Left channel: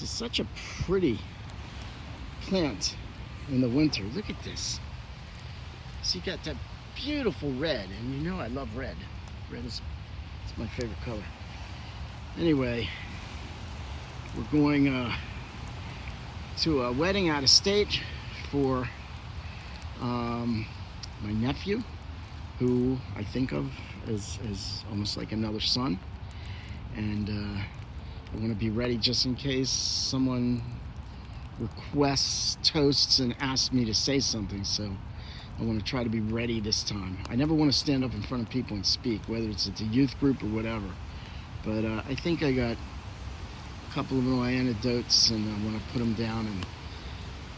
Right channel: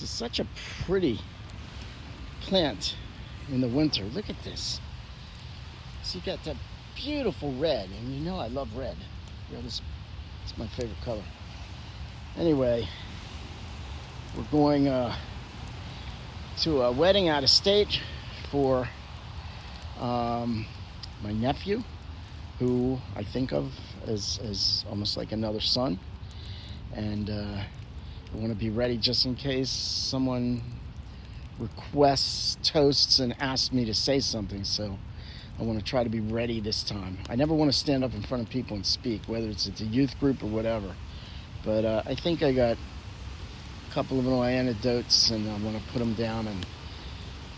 This is such a pretty plant in the winter. Look at this. So you got that beautiful red, and you know I love red. Red is it's my favorite color. Anyway, we're going to a wedding out of state for my nephew, who I think of as almost like another son. And I want to be ready just in case someone requests toasts and asks me to say something. So I want to try to be ready this time. I never want to stand up in front of people and speak, whether it's a youth group or whatever. But I think I got a couple of little anecdotes, and I want to put them down. And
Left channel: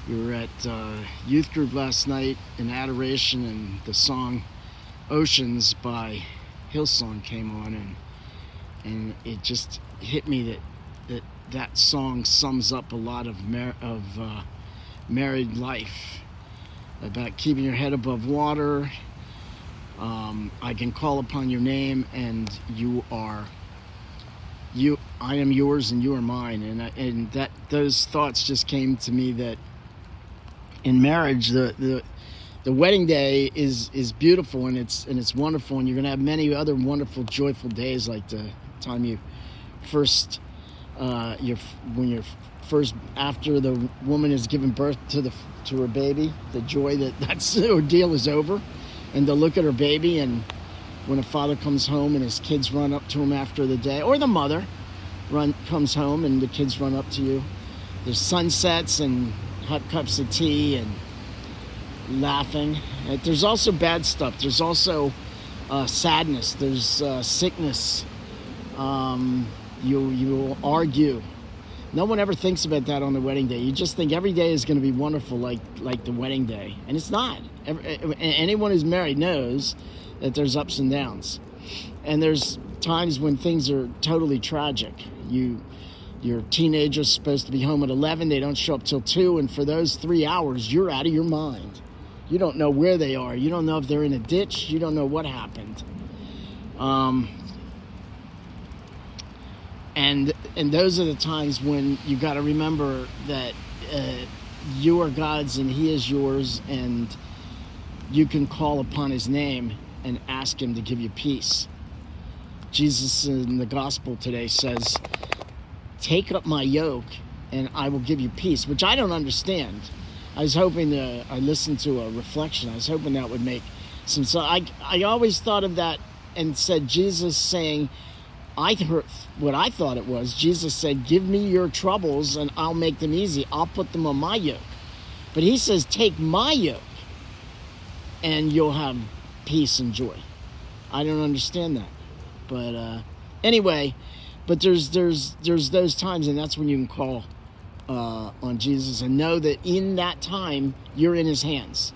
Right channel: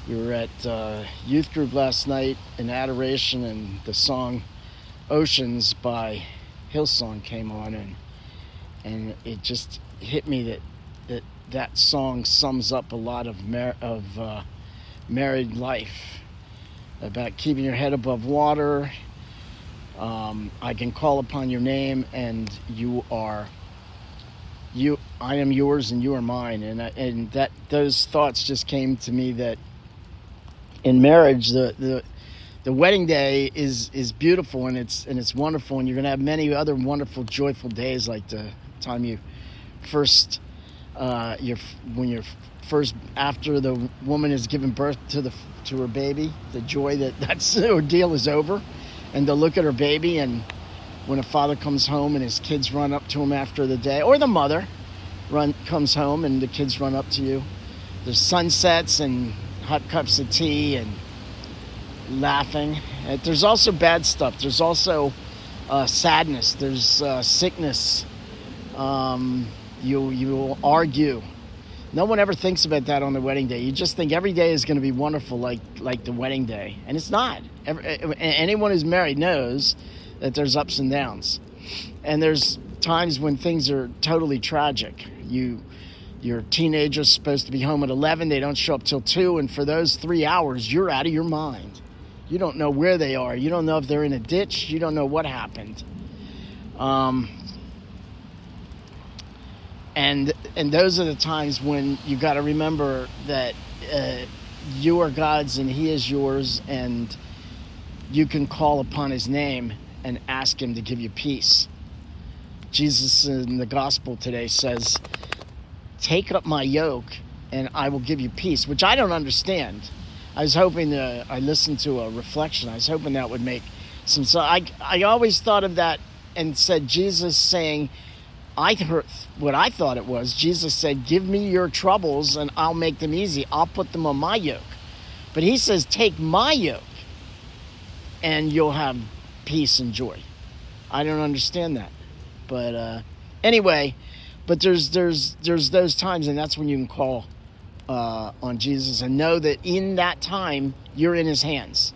we were at youth group last night in adoration, and the song Oceans by Hillsong came on, and it just hit me that song sums up a lot of married life, about keeping your head above water. I can call upon your name, and I am yours and you are mine. And that those thoughts just came to me, that in marriage, the wedding day is beautiful, and it's wonderful, and you're going to have many other wonderful, joyful days, like the time you first when you're first, after the woman has given birth to her baby, the joy that ordeal is over, and to look at her baby. And when a father comes home and his kids run up to him after the day, or the mother comes home and the kids run up to you, there's sunsets and hot cups of tea and laughing. There's also bad stuff. There's also sadness. There's sickness. You will argue. No one ever thinks about that on the wedding day. You just think every day is going to be wonderful, like the wedding day, and it's not. Anyone who's married knows that there's ups and downs, and there's times when things are totally tragic. Your teenager's supposed to be home at 11. They don't show up till 2, and for those 3 hours, you're out of your mind. You don't know where they are. You don't know if they're in a ditch. You don't know what happened. And those are the times when you got to remember that you are God's and He is yours, and you can call upon His name and ask Him to give you peace. Jesus in the gospel today says, "Take up my yoke and I will give you peace," which I don't understand. I listened to a reflection. I was hoping that would make sense. So I always thought of that and said, Jesus saying, I heard what I thought it was. Jesus said, "Give me your troubles and I'll make them easy. I'll put them on my yoke." But He says, "Take my yoke and you'll have peace and joy." I don't understand that. But anyway, but there's those times, and that's when you can call on Jesus and know that in that time you're in His hands.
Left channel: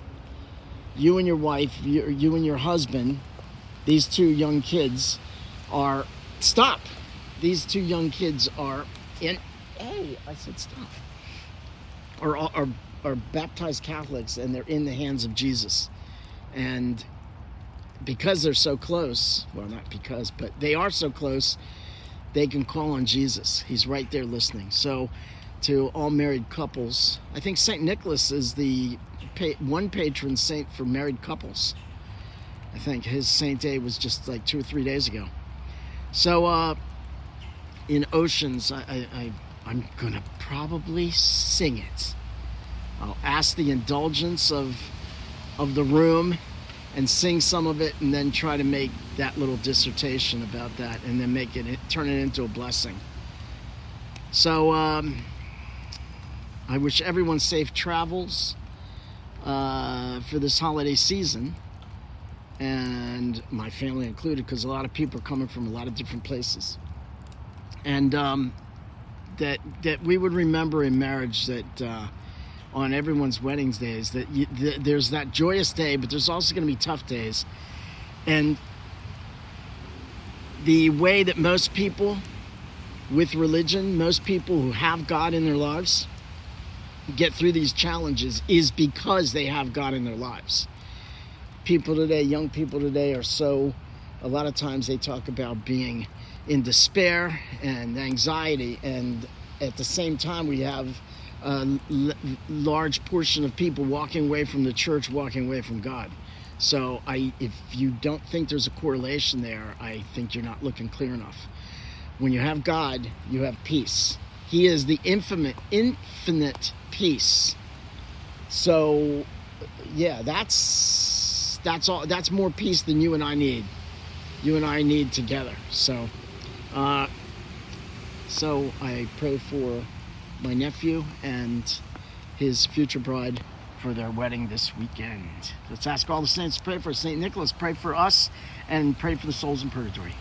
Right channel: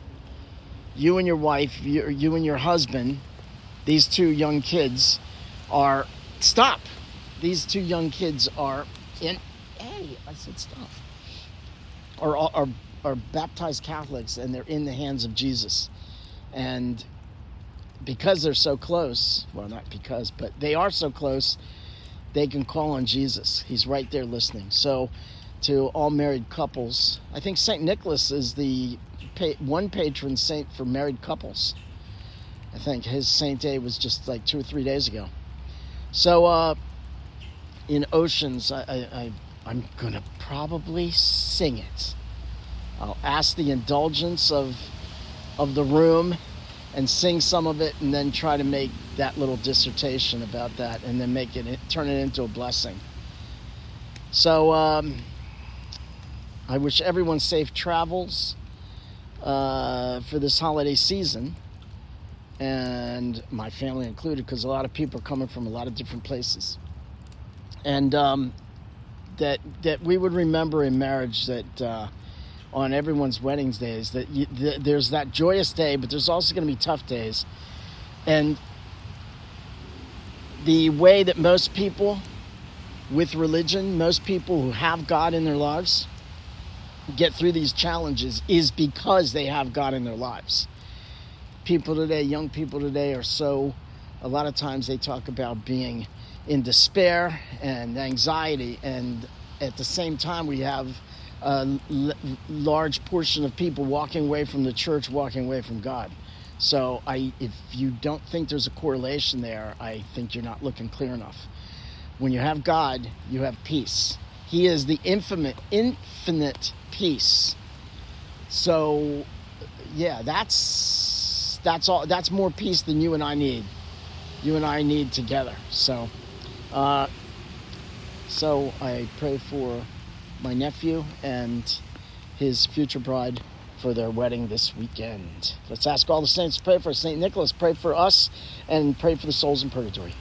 You and your wife, you and your husband, these two young kids are... Stop. These two young kids are in... Hey, I said stop. Are baptized Catholics, and they're in the hands of Jesus. And because they're so close, well, not because, but they are so close, they can call on Jesus. He's right there listening. So to all married couples, I think St. Nicholas is the one patron saint for married couples. I think his saint day was just like 2 or 3 days ago. So in Oceans, I'm going to probably sing it. I'll ask the indulgence of the room and sing some of it, and then try to make that little dissertation about that, and then turn it into a blessing. So I wish everyone safe travels for this holiday season, and my family included, because a lot of people are coming from a lot of different places. And that we would remember in marriage that on everyone's weddings days, that there's that joyous day, but there's also going to be tough days. And the way that most people with religion, most people who have God in their lives, get through these challenges is because they have God in their lives. People today, young people today, a lot of times they talk about being in despair and anxiety, and at the same time, we have a large portion of people walking away from the church, walking away from God. So if you don't think there's a correlation there, I think you're not looking clear enough. When you have God, you have peace. He is the infinite peace. So, yeah, that's all. That's more peace than you and I need. You and I need together. So I pray for my nephew and his future bride for their wedding this weekend. Let's ask all the saints to pray for St. Nicholas. Pray for us and pray for the souls in purgatory.